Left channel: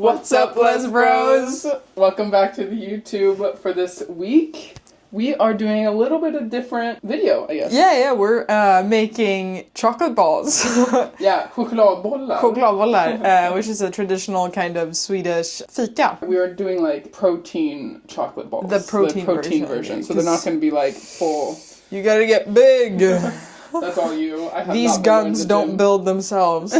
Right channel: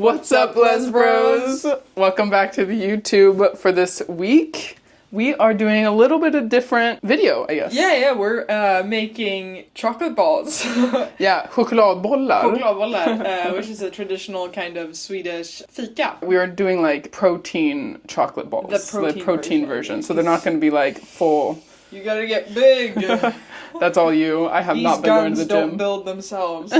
What's up, Les Bros? Welcome back to the YouTube for this week. We are doing a little bit of different video, I guess. Yeah, we're making chocolate balls. Yeah, chokladbollar. Chokladbollar, which is a traditional kind of Swedish fika. We are doing like protein chocolate balls. The protein version. So they're not going to be like full. You gotta get big. That's all you. I have These not been going to guns the don't gym. build themselves.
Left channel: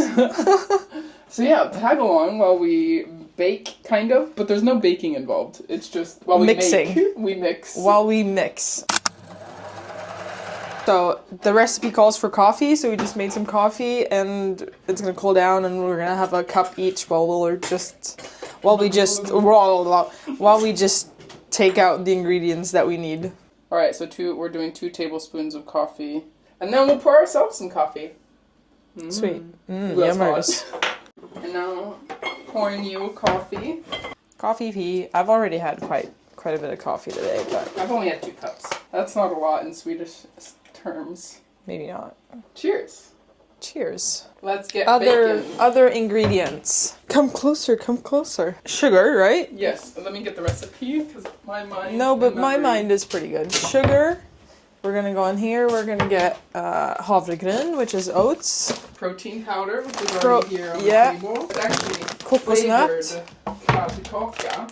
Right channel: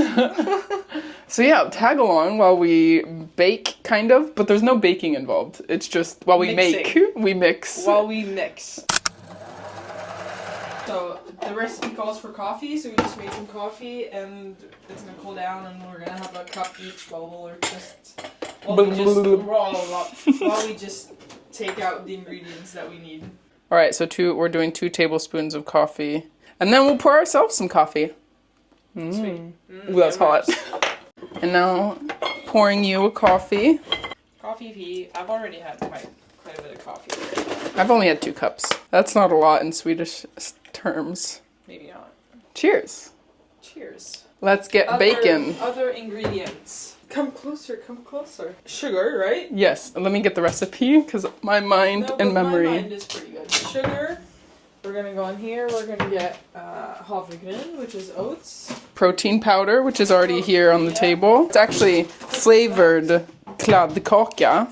So yeah, tag along while we bake, kind of, but there's no baking involved. It's just while we Mixing. make, we mix. While we mix. So the recipe calls for coffee, so we just made some coffee and it's gonna cool down and we're gonna have a cup each while we just take out the ingredients that we need. All right, so we're doing 2 tablespoons of coffee, and then we'll pour ourselves some coffee. Sweet. That's hot. And now, pouring you a coffee. Coffee pee. I've already had quite a bit of coffee today, but I've only had 2 cups. That's not a lot in Swedish terms. maybe not. Cheers. Cheers. Let's get bacon. Other ingredients. Come closer, come closer. Sugar, right? Yes, let me get the recipe, because my mind No, but and memory. my mind is pretty good. Sugar. We're gonna go on here. We're gonna get havregryn, which is oats. Protein powder, which is already here on the yeah. table. It's actually flavored chokladbollar,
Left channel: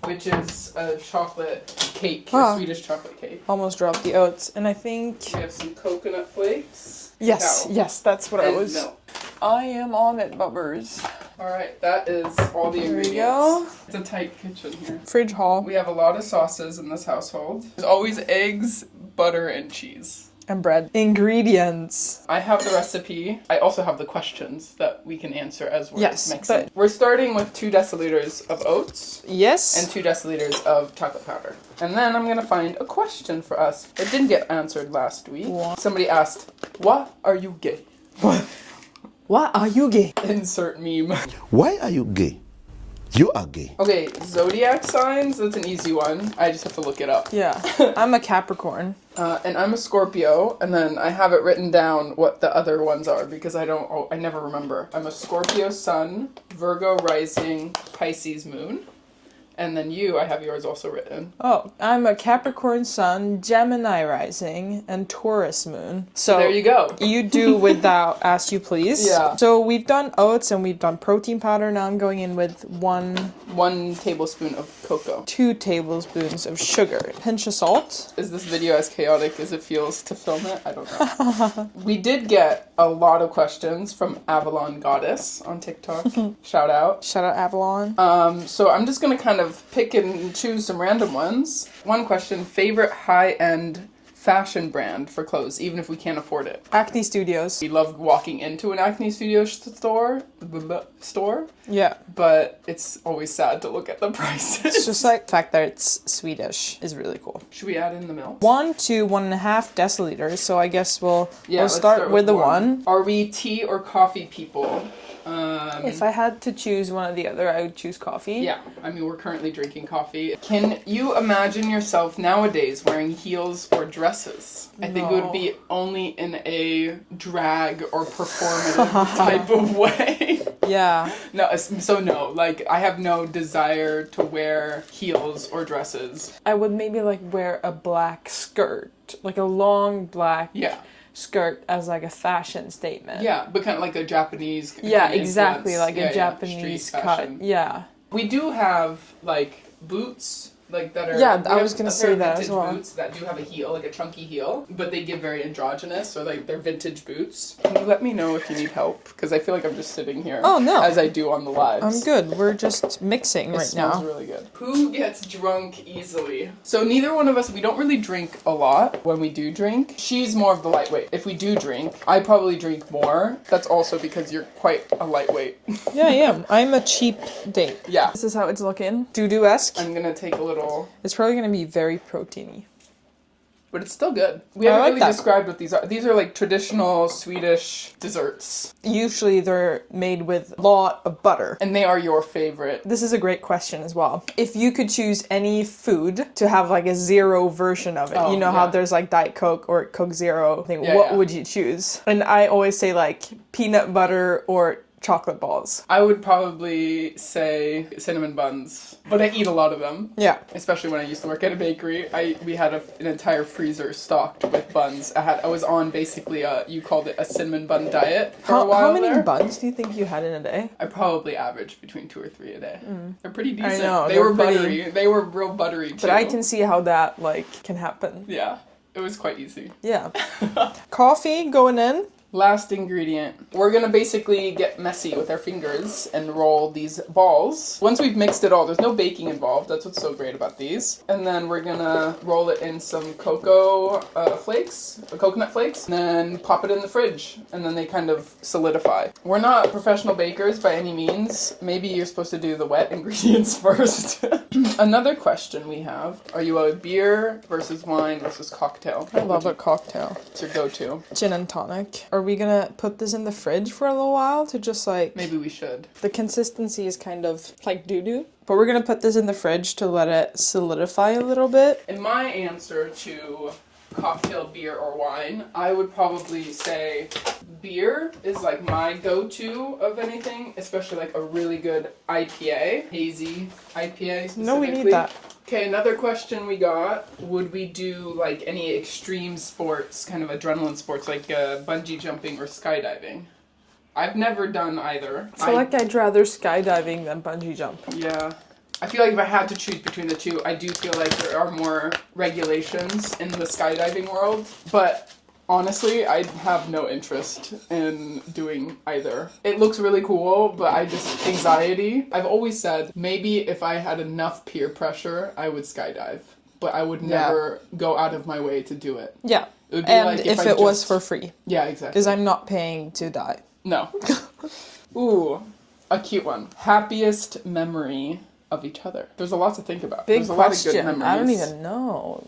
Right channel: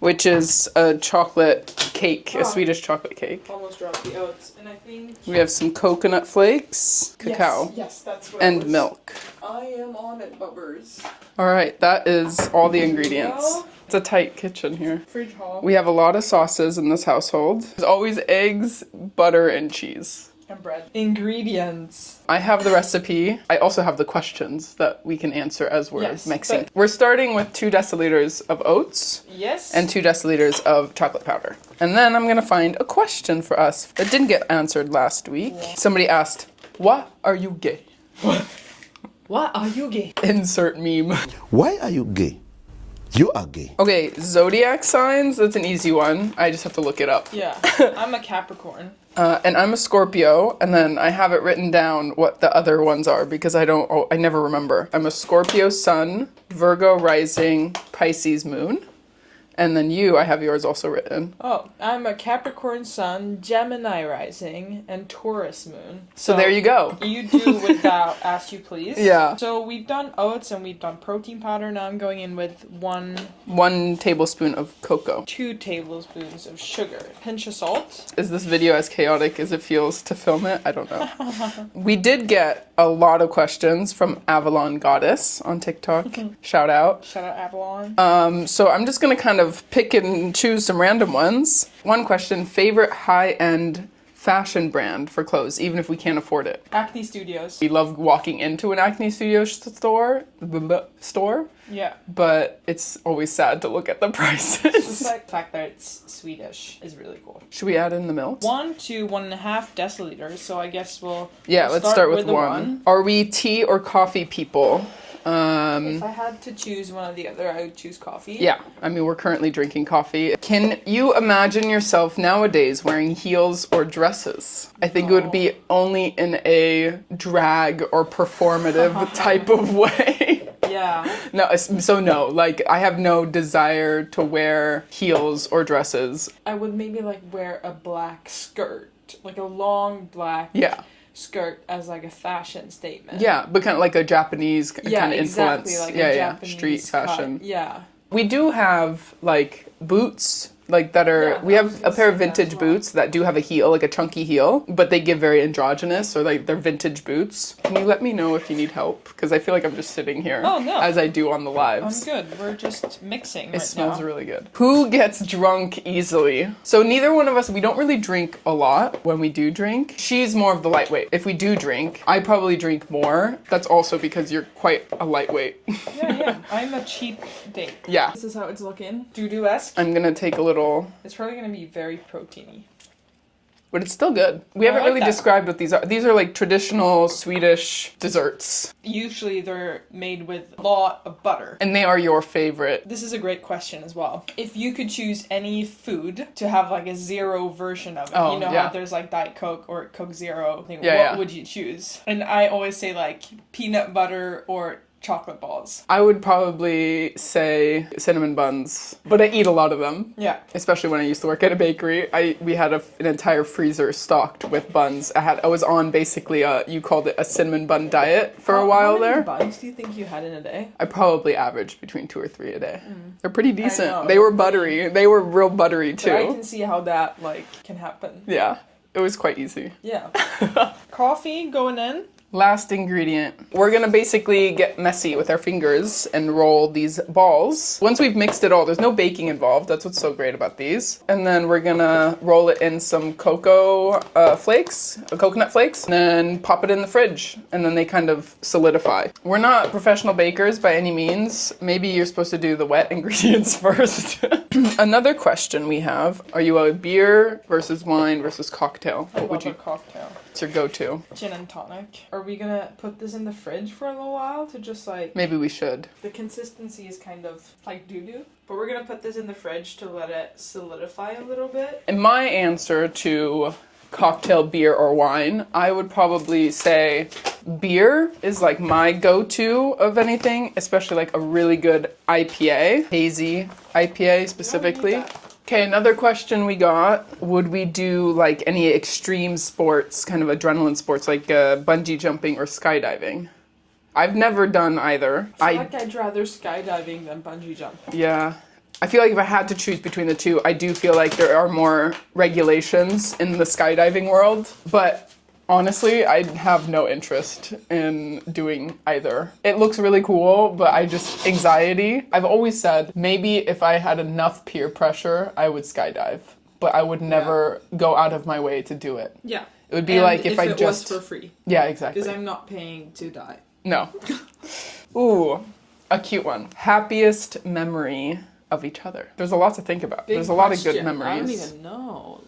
which is a chocolate cake, a Swedish chocolate cake. Almost dropped the oats, and I think We have some coconut flakes, cacao, yes, that's what and milk. I am on it, bubbers. All right, that is all the There we ingredients. go. It's a tight kitchen here. Fridge haul. We have a lot of sauces in this household. There's always eggs, butter, and cheese. And bread. Ingredients. I have the recipe. I also have the questions that we can answer as we're mixing. but- We're starting with 2 deciliters of oats Yes. and 2 deciliters of chocolate powder. And then I'm going to find a question for us that didn't get answered last week. Somebody asked, "What are you gay?" What are you gay? Insert meme. Why are you gay? You are gay. Okay, Zodiac signs, that's an easy one. I just have to look it up. Yeah. I'm a Capricorn. And I'm a Scorpio, and then I have it written down what the other ones are because I never remember. I'm a Scorpio sun, Virgo rising, Pisces moon. And then I have yours also written. Oh, I'm a Capricorn sun, Gemini rising, and Taurus moon. So there you go. You do without as you please. Yeah. So we've done oats and we've done protein powder. Now I'm going in with 1 tablespoon of cocoa. 2 tablespoons of sugar. Pinch of salt. Is this video as chaotic as it feels to film it? I don't know. We did get a lot of questions from Avalon Goddess on TikTok. Shout out. Shout out Avalon. So I'm just gonna kind of pick and choose some random ones. One question, favorite high-end fashion brand for clothes, even if we can't afford it. Acne Studios. We love walking into an Acne Studios store, Yeah. but it's always sad to look at the prices. It's just like the fact that it's Swedish is really cool. Should we add in the milk? 1 to 1.5 deciliters. So I guess we'll let's start with the 1. Are we tea or coffee people? If I had to choose one or the other, I would choose coffee. Yeah, I mean, we're currently drinking coffee. Can you imagine yourself nowadays wearing heels or dresses? I think it would be only in a drag or performative type of way. Yeah. No, like, I have no desire to wear heels or dresses. I would maybe like wear a black skirt, like a long black skirt as like a fashion statement. Yeah, but kind of like a Japanese kind of exactly, influence. like a Japanese street fashion. cut. Yeah. We do have like boots like that are we I have was gonna a pair of say that vintage as well. boots that do have a heel, like a chunky heel, but they give very androgynous, or like they're vintage boots. Can you let me know if you need help? Because I feel like I'm just sitting here as I do on the lives. I'm good. We're just mixing It right now. smells really good. Who gets drunk easily? So neither one of us, we don't really drink a lot when we do drink. She's more of the lightweight. If we do drink, I probably drink more. That's also because you're quite a lightweight. Yeah, I am. I'm a cheap date. Yeah. This is how it's looking. Doo-doo-esque. I'm gonna take a little... It's probably gonna be very proteiny. But it's still good. We I haven't like really that. described what these are. These are like traditional Swedish desserts. Usually they're made with a lot of butter. And they are your favorite. This is a great question as well. If you could choose any food to have like a zero version of it, you know how there's like Diet Coke or Coke Zero thing, what would you choose? And I always say like peanut butter or chocolate balls. I would probably say cinnamon buns, but I eat a lot of them. Yeah. Especially when I used to work at a bakery. We had an entire freezer stocked with buns. I was on basically you called it a cinnamon bun diet for a while how many there. buns do you think you had in a day? I probably averaged between 2 or 3 a day. They're pretty decent. know, They they're were pretty- buttery. They were real buttery too. But I can see how that like can happen. Yeah, it was quite easy. Yeah. Coffee going in. Last ingredient. We're gonna basically get messy with our fingers and roll these balls. Once we've mixed it all, there's no baking involved. That's what's so great about these. And then we're gonna roll it in some coconut flakes, and then pop it in the fridge. And then they kind of solidify. We're not professional bakers by any means. Maybe you're supposed to do the wet ingredients first. Another question we have, are you a beer versus wine versus cocktail? I love a cocktail. What's your go-to? Gin and tonic. Are we gonna put this in the fridge for a little while to just like... Maybe we should. The consistency is kind of like doo-doo. But we're gonna put this in the fridge to let it solidify a little bit. In my answer to cocktail, beer, or wine, I would probably say beer is like my go-to of anything, especially like a really good IPA, hazy IPA specifically. No, we need that. Okay, another question we got, would we do like any extreme sports, kind of adrenaline sports, like bungee jumping or skydiving? I've never done either. I feel like I'd rather skydiving than bungee jump. Yeah. I feel like if I had to choose between the two, I do feel like there are more regulations in the skydiving world. But honestly, I have no interest in doing either. It looks really cool, but anxiety. I've always said maybe if I had enough peer pressure, I would skydive. But I would never go out of my way to do it. Yeah. It would be like if it was for free. Yeah, exactly. Because I'm not paying to die. No. Ooh, a cute one. Happiest memory of each other. There's a lot to think about. There's a lot of good memories. I don't even know.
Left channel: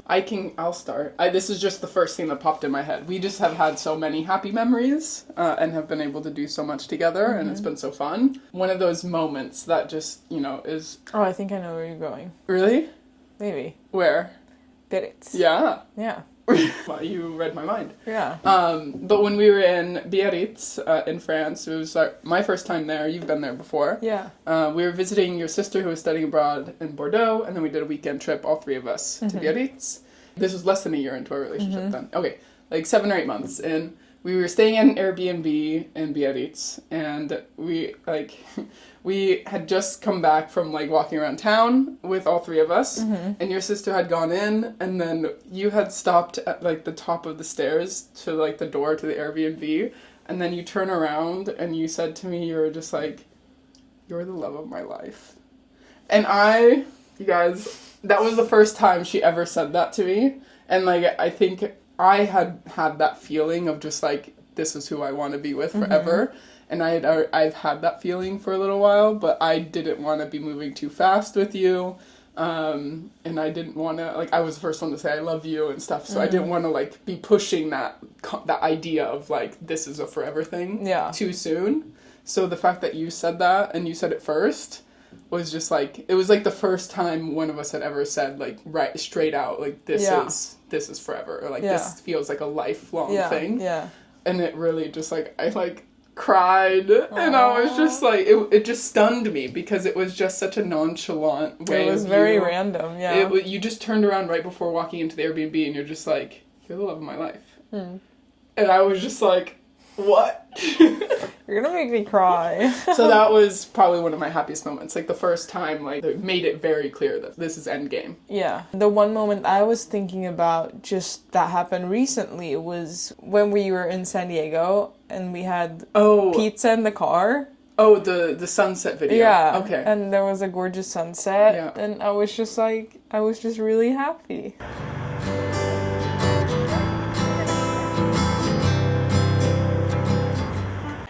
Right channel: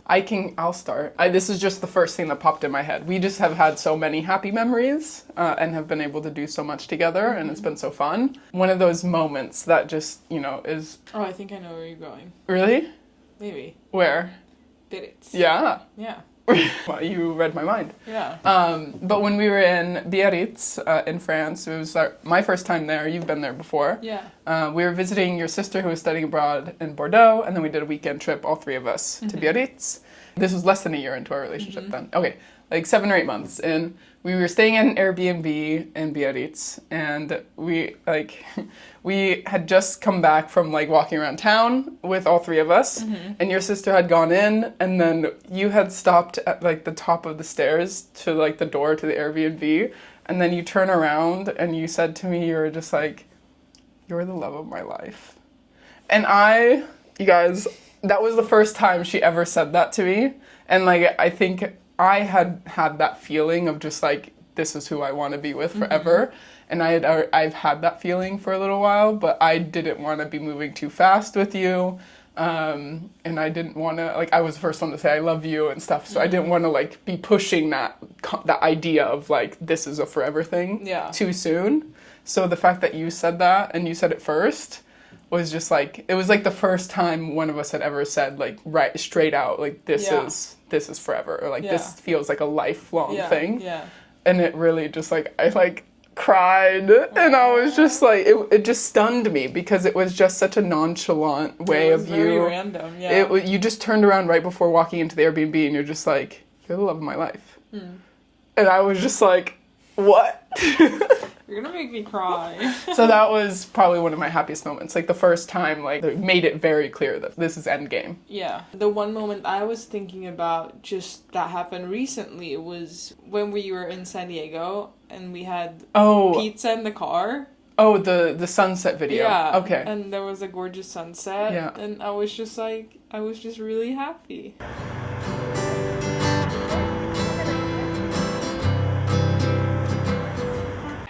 I'll start. This is just the first thing that popped in my head. We just have had so many happy memories and have been able to do so much together, and it's been so fun. One of those moments that just, is... Oh, I think I know where you're going. Really? Maybe. Where? Biarritz. Yeah. Yeah. Well, you read my mind. Yeah. But when we were in Biarritz in France, it was my first time there. You've been there before. Yeah. We were visiting your sister who was studying abroad in Bordeaux, and then we did a weekend trip, all 3 of us, to Biarritz. This was less than a year into our relationship then. Okay, like 7 or 8 months. And we were staying at an Airbnb in Biarritz, and we had just come back from walking around town with all 3 of us, and your sister had gone in, and then you had stopped at the top of the stairs to the door to the Airbnb, and then you turn around and you said to me, you were just like, "You're the love of my life." And you guys, that was the first time she ever said that to me, and I think I had that feeling of just this is who I want to be with forever. And I've had that feeling for a little while, but I didn't want to be moving too fast with you. And I didn't want to, I was the first one to say I love you and stuff. So I didn't want to be pushing that idea of this is a forever thing too soon. So the fact that you said that and you said it first was just it was the first time one of us had ever said right straight out, this is forever, or this feels like a lifelong thing. Yeah. And it really just I cried. And I was just it just stunned me because it was just such a nonchalant way of you. It was very random, yeah. You just turned around right before walking into the Airbnb and you're just you're the love of my life. And I was just what? You're gonna make me cry. So that was probably one of my happiest moments. The first time, it made it very clear that this is endgame. Yeah. The one moment I was thinking about just that happened recently was when we were in San Diego and we had pizza in the car. Oh, the sunset video. Yeah. Okay. And there was a gorgeous sunset. Yeah. And I was just really happy.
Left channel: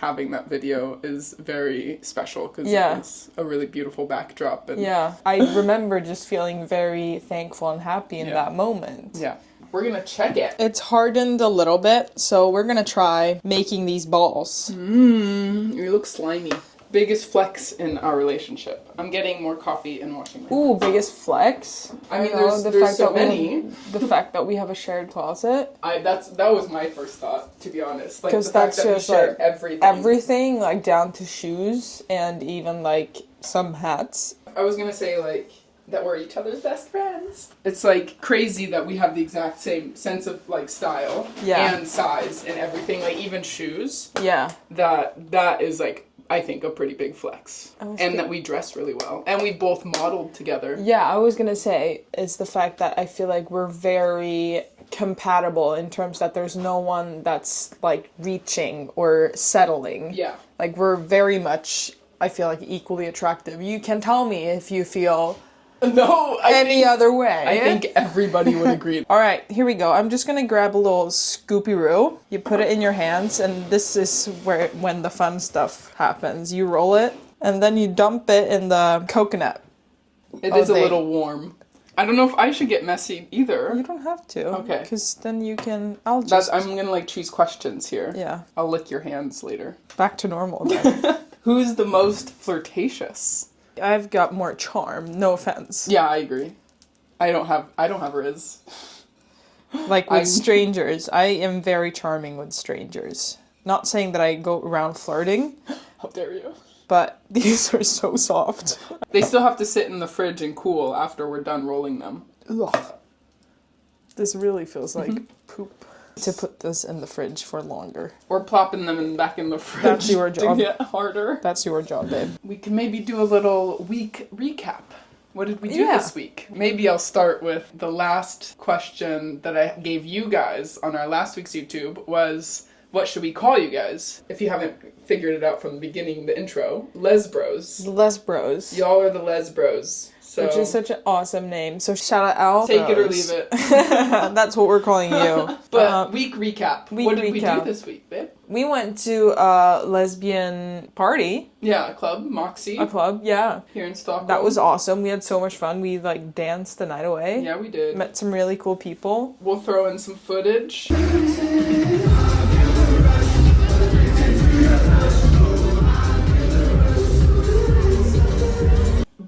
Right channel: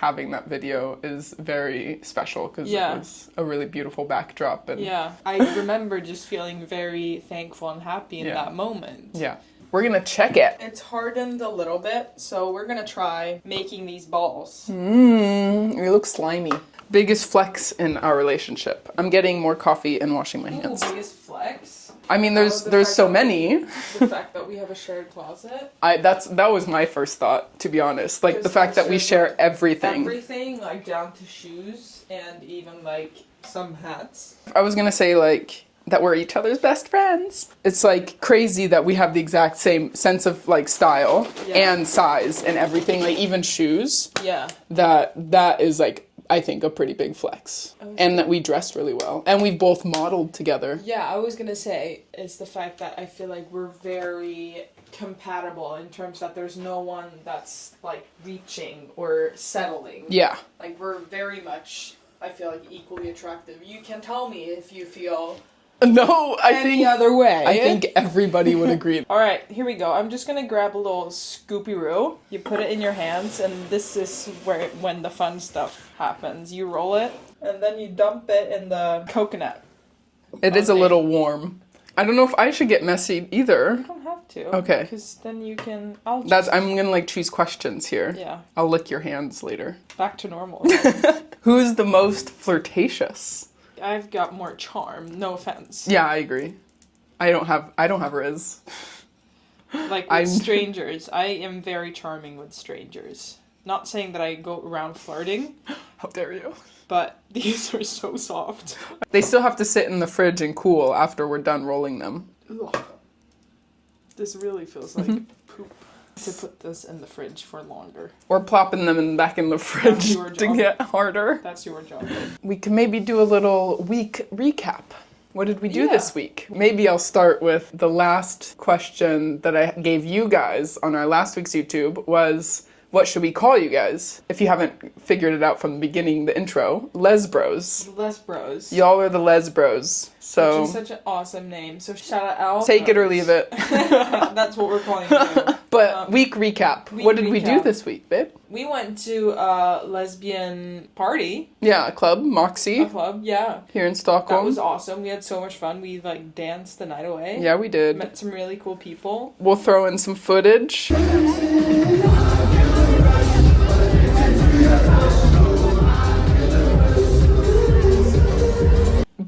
Having that video is very special because it was a really beautiful backdrop. And I remember just feeling very thankful and happy in that moment. Yeah. We're gonna check it. It's hardened a little bit, so we're gonna try making these balls. They look slimy. Biggest flex in our relationship. I'm getting more coffee and washing my hands. Ooh, biggest flex. I mean, there's so many. The fact that we have a shared closet. That was my first thought. to be honest. Like, 'Cause the fact that's that we just, share like, everything. Everything, like, down to shoes and even, like, some hats. I was gonna say, like, that we're each other's best friends. It's, like, crazy that we have the exact same sense of, like, style and size and everything, like, even shoes. Yeah. That is, like, I think a pretty big flex. And that we dressed really well. And we've both modeled together. Yeah, I was gonna say, it's the fact that I feel like we're very compatible in terms that there's no one that's, like, reaching or settling. Yeah. Like, we're very much, I feel like, equally attractive. You can tell me if you feel No, any other way. I think everybody would agree. All right, here we go. I'm just gonna grab a little scoopy-roo. You put it in your hands, and this is when the fun stuff happens. You roll it, and then you dump it in the coconut. It is a little warm. I don't know if I should get messy either. You don't have to. Okay. Because then you can. I'm gonna, like, choose questions here. Yeah. I'll lick your hands later. Back to normal. Then. Who's the most flirtatious? I've got more charm. No offense. Yeah, I agree. I don't have Riz. Like with strangers, I am very charming with strangers. Not saying that I go around flirting. How dare you? But these are so soft. They still have to sit in the fridge and cool after we're done rolling them. Ugh. This really feels like poop. To put this in the fridge for longer. We're plopping them back in the fridge That's your job. to get harder. That's your job, babe. We can maybe do a little week recap. What did we do this week? Maybe I'll start with the last question that I gave you guys on our last week's YouTube was, what should we call you guys? If you haven't figured it out from the beginning, the intro, Lesbros. The Lesbros. Y'all are the Lesbros. So, which is such an awesome name. So shout out. Take it or leave it. That's what we're calling you. But week recap. What did we do this week, babe? We went to a lesbian party. Yeah, a club, Moxie. A club, yeah. Here in Stockholm. That was awesome. We had so much fun. We, like, danced the night away. Yeah, we did. Met some really cool people. We'll throw in some footage.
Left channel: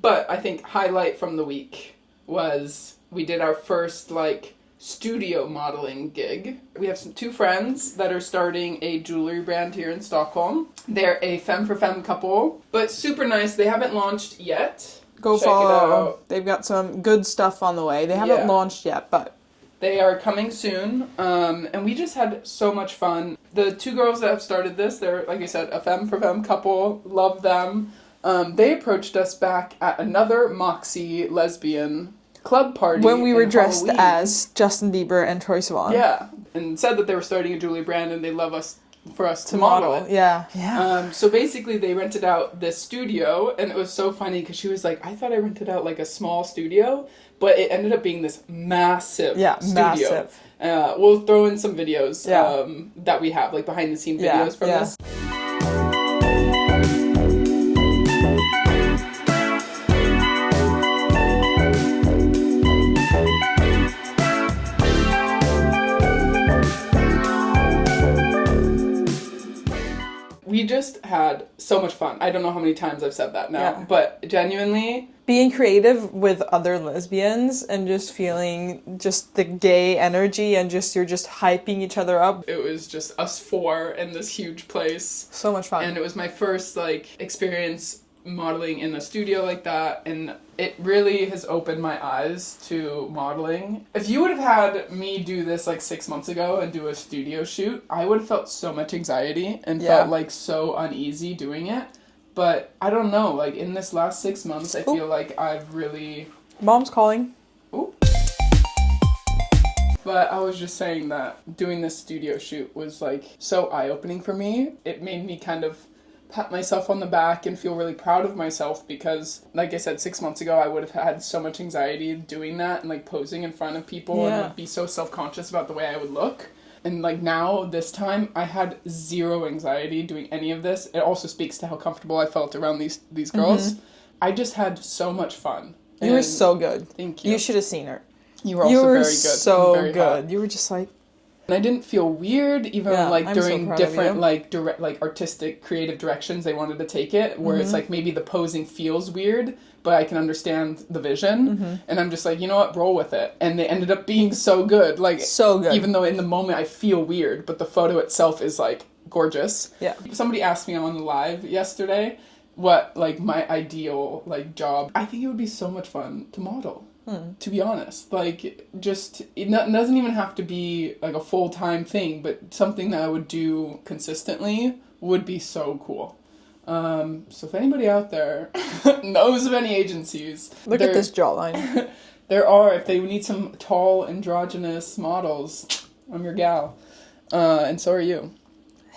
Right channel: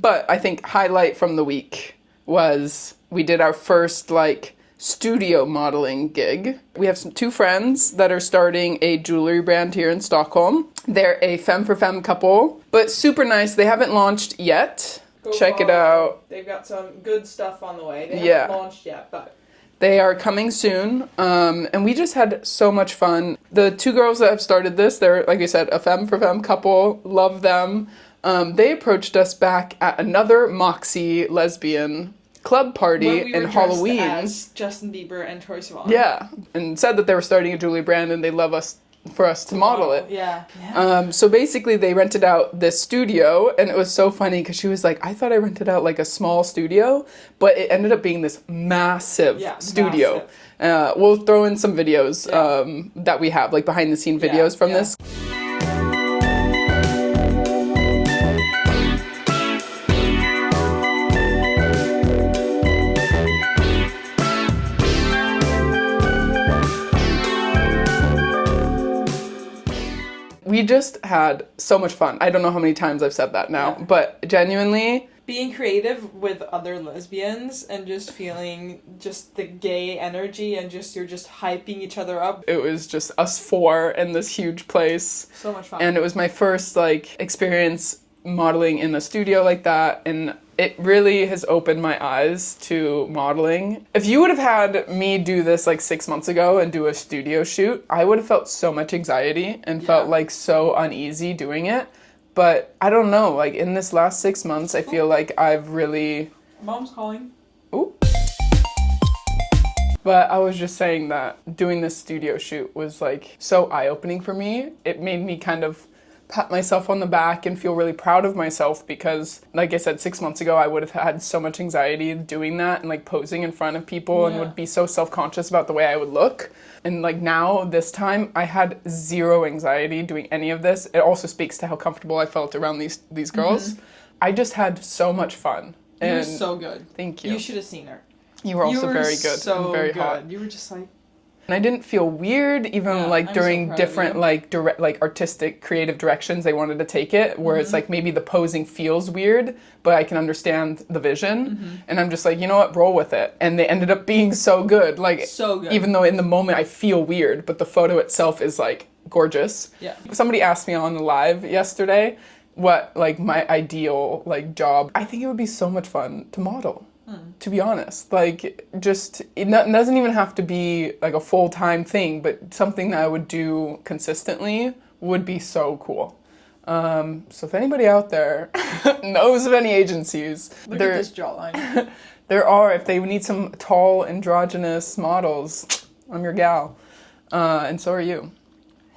But I think highlight from the week was we did our first, like, studio modeling gig. We have two friends that are starting a jewelry brand here in Stockholm. They're a femme for femme couple, but super nice. They haven't launched yet. Go check follow. it out. They've got some good stuff on the way. They haven't launched yet, but they are coming soon. And we just had so much fun. The two girls that have started this, they're, like I said, a femme for femme couple. Love them. They approached us back at another Moxie lesbian club party when we were dressed Halloween. as Justin Bieber and Troye Sivan. Yeah, and said that they were starting a jewelry brand and they love us for us to model it. Yeah. So basically they rented out this studio, and it was so funny because she was like, I thought I rented out like a small studio, but it ended up being this massive studio. Massive. We'll throw in some videos that we have, like behind the scene videos from this. We just had so much fun. I don't know how many times I've said that now, but genuinely, being creative with other lesbians and just feeling just the gay energy and just you're just hyping each other up. It was just us four in this huge place. So much fun. And it was my first, like, experience modeling in a studio like that, and it really has opened my eyes to modeling. If you would have had me do this like 6 months ago and do a studio shoot, I would have felt so much anxiety and felt like so uneasy doing it. But I don't know, like in this last 6 months, I feel like I've really... Mom's calling. Ooh. But I was just saying that doing this studio shoot was like so eye-opening for me. It made me kind of pat myself on the back and feel really proud of myself because, like I said, 6 months ago I would have had so much anxiety doing that and like posing in front of people and would be so self-conscious about the way I would look. And like now, this time, I had zero anxiety doing any of this. It also speaks to how comfortable I felt around these girls. I just had so much fun. You were so good. Thank you. You should have seen her. You were also very good. So very good. hot. You were just like... And I didn't feel weird, even Yeah, like I'm during so proud of different you. like direct, like artistic, creative directions they wanted to take it, where it's like maybe the posing feels weird, but I can understand the vision, and I'm just like, you know what, roll with it. And they ended up being so good, like So good. even though in the moment I feel weird, but the photo itself is like gorgeous. Yeah. Somebody asked me on the live yesterday what like my ideal like job. I think it would be so much fun to model. To be honest, like just it doesn't even have to be like a full-time thing, but something that I would do consistently would be so cool. So if anybody out there knows of any agencies, Look at this jawline. there are, if they need some tall androgynous models, I'm your gal, and so are you.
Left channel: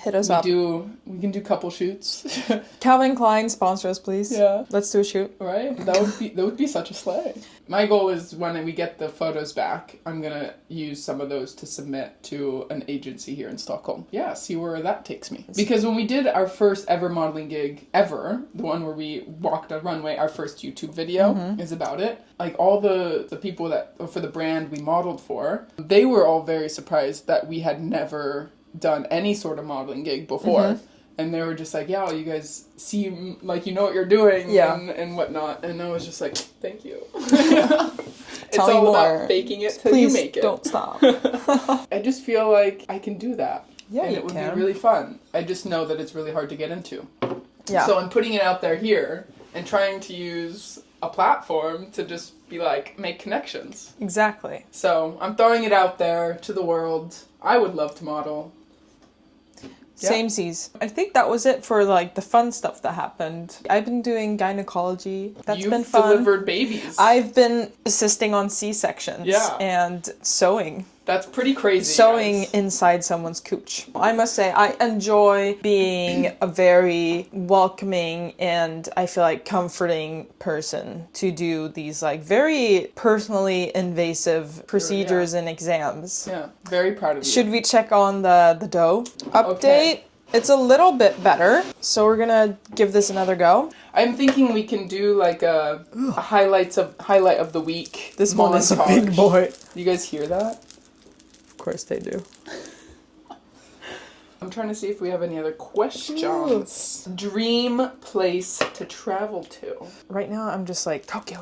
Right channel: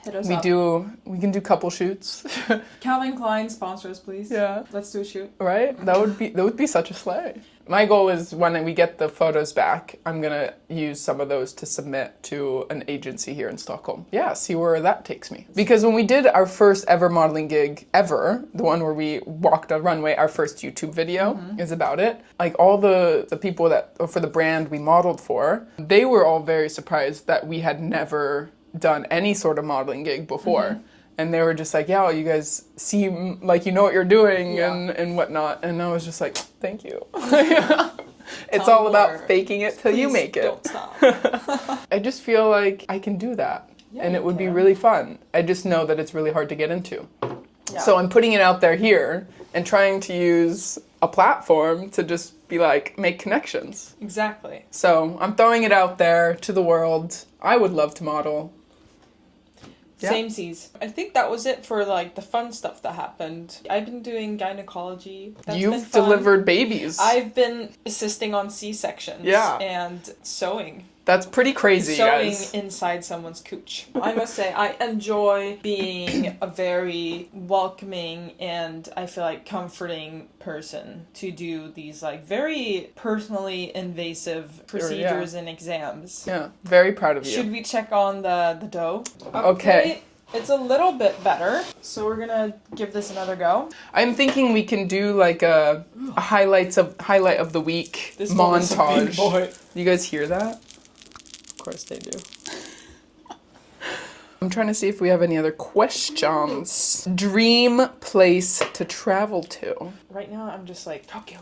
Hit us up. We can do couple shoots. Calvin Klein, sponsor us, please. Yeah. Let's do a shoot. Right? That would be such a slay. My goal is when we get the photos back, I'm gonna use some of those to submit to an agency here in Stockholm. Yeah, see where that takes me. Because when we did our first ever modeling gig ever, the one where we walked a runway, our first YouTube video is about it. Like all the people that, for the brand we modeled for, they were all very surprised that we had never done any sort of modeling gig before. And they were just like, yeah, well, you guys seem like you know what you're doing and whatnot. And I was just like, thank you. It's all about faking it till you make it. Don't stop. I just feel like I can do that. Yeah, and it would be really fun. I just know that it's really hard to get into. Yeah. So I'm putting it out there here and trying to use a platform to just be like, make connections. Exactly. So I'm throwing it out there to the world. I would love to model. Yeah. Same seas. I think that was it for like the fun stuff that happened. I've been doing gynecology. That's been You've fun. delivered babies. I've been assisting on C-sections. Yeah. And sewing. That's pretty crazy, Sewing guys. inside someone's cooch. I must say, I enjoy being a very welcoming and I feel like comforting person to do these like very personally invasive procedures and exams. Yeah, very proud of you. Should we check on the dough update? Okay. It's a little bit better, so we're gonna give this another go. I'm thinking we can do like a highlight of the week This montage. one is a big boy. You guys hear that? Of course they do. I'm trying to see if we have any other questions. Dream place to travel to. Right now, I'm just like Tokyo.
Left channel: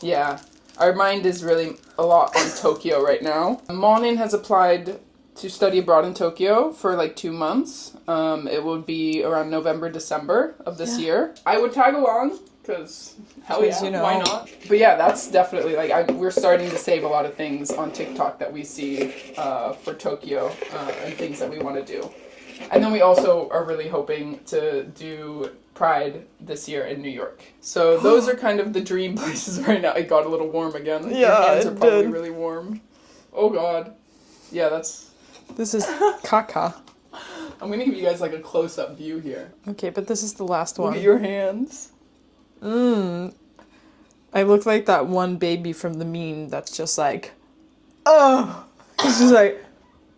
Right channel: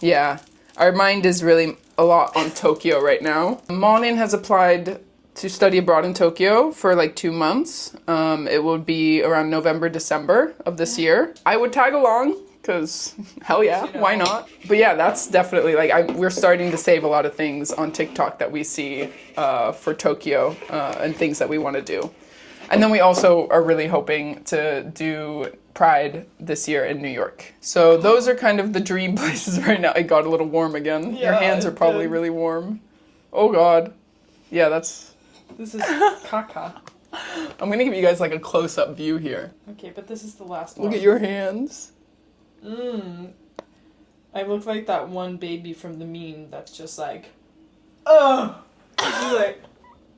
Yeah, our mind is really a lot on Tokyo right now. Malin has applied to study abroad in Tokyo for like 2 months. It will be around November, December of this year. I would tag along. Because hell yeah, you know. why not? But yeah, that's definitely like we're starting to save a lot of things on TikTok that we see for Tokyo and things that we want to do. And then we also are really hoping to do Pride this year in New York. So those are kind of the dream places right now. It got a little warm again. Your Yeah, hands are it probably did. really warm. Oh God. Yeah, that's... This is caca. I'm gonna give you guys like a close-up view here. Okay, but this is the last Look one. at your hands. I look like that one baby from the meme that's just like, oh, it's just like,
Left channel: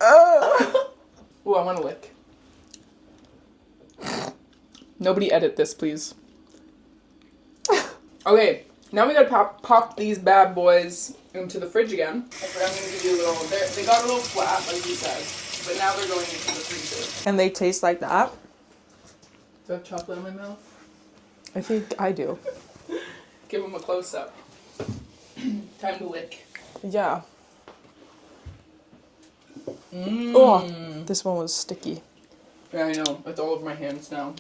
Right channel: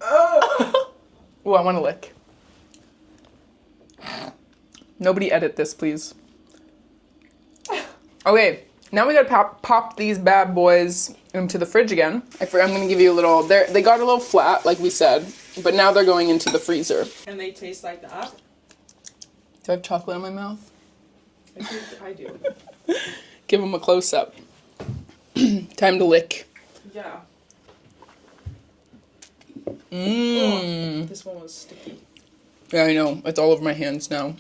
oh. Ooh, I want to lick. Nobody edit this, please. Okay, now we gotta pop these bad boys into the fridge again. I'm gonna give you a little, they got a little flat, like we said, but now they're going into the freezer. And they taste like that. Do I have chocolate in my mouth? I think I do. Give them a close-up. Time to lick. Yeah. Oh, this one was sticky. Yeah, I know. It's all over my hands now.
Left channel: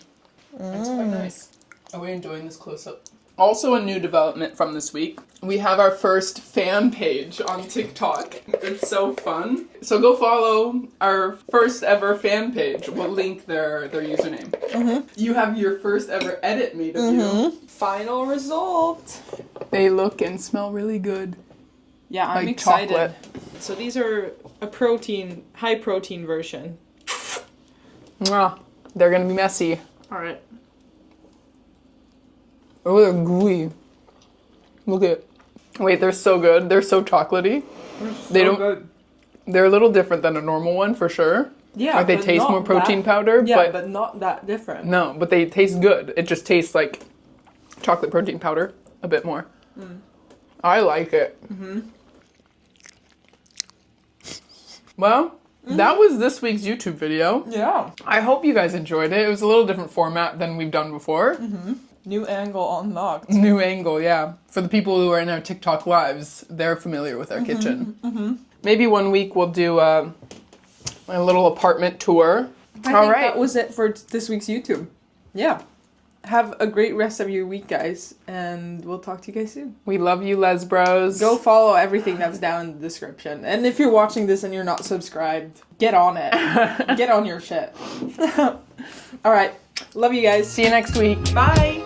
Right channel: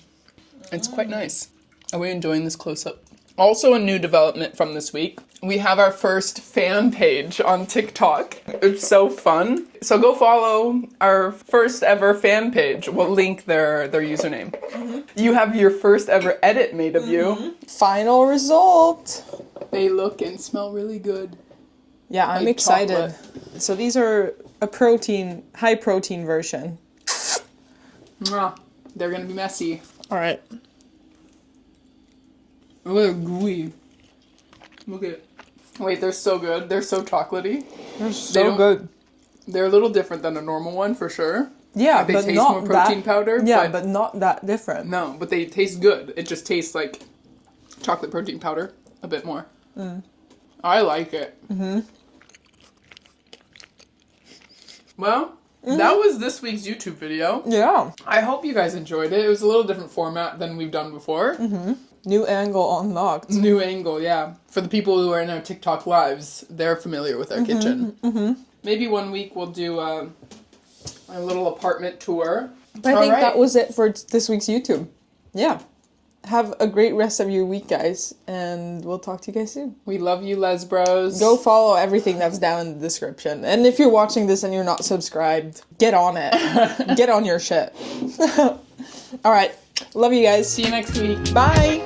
It's quite nice. Are we enjoying this close-up? Also a new development from this week. We have our first fan page on TikTok. It's so fun. So go follow our first ever fan page. We'll link their username. You have your first ever edit made of you. Final result. They look and smell really good. Yeah, I'm Like excited. chocolate. So these are a high protein version. Mwah. They're gonna be messy. All right. Oh, they're gooey. Look at. Wait, they're so good. They're so chocolatey. They don't good. They're a little different than a normal one for sure. Yeah, Like they but taste not more protein that- powder. Yeah, but not that different. No, but they taste good. It just tastes like chocolate protein powder a bit more. I like it. Well, that was this week's YouTube video. Yeah. I hope you guys enjoyed it. It was a little different format than we've done before. New angle unlocked. New angle, yeah. For the people who are in our TikTok lives, they're familiar with our kitchen. Maybe one week we'll do a little apartment tour. I think that was it for this week's YouTube. Yeah. Have a great rest of your week, guys, and we'll talk to you guys soon. We love you, Lesbros. Go follow everything that's down in the description. And if you're watching this and you're not subscribed, get on it. Get on your shit. All right. Love you guys. See you next week. Bye.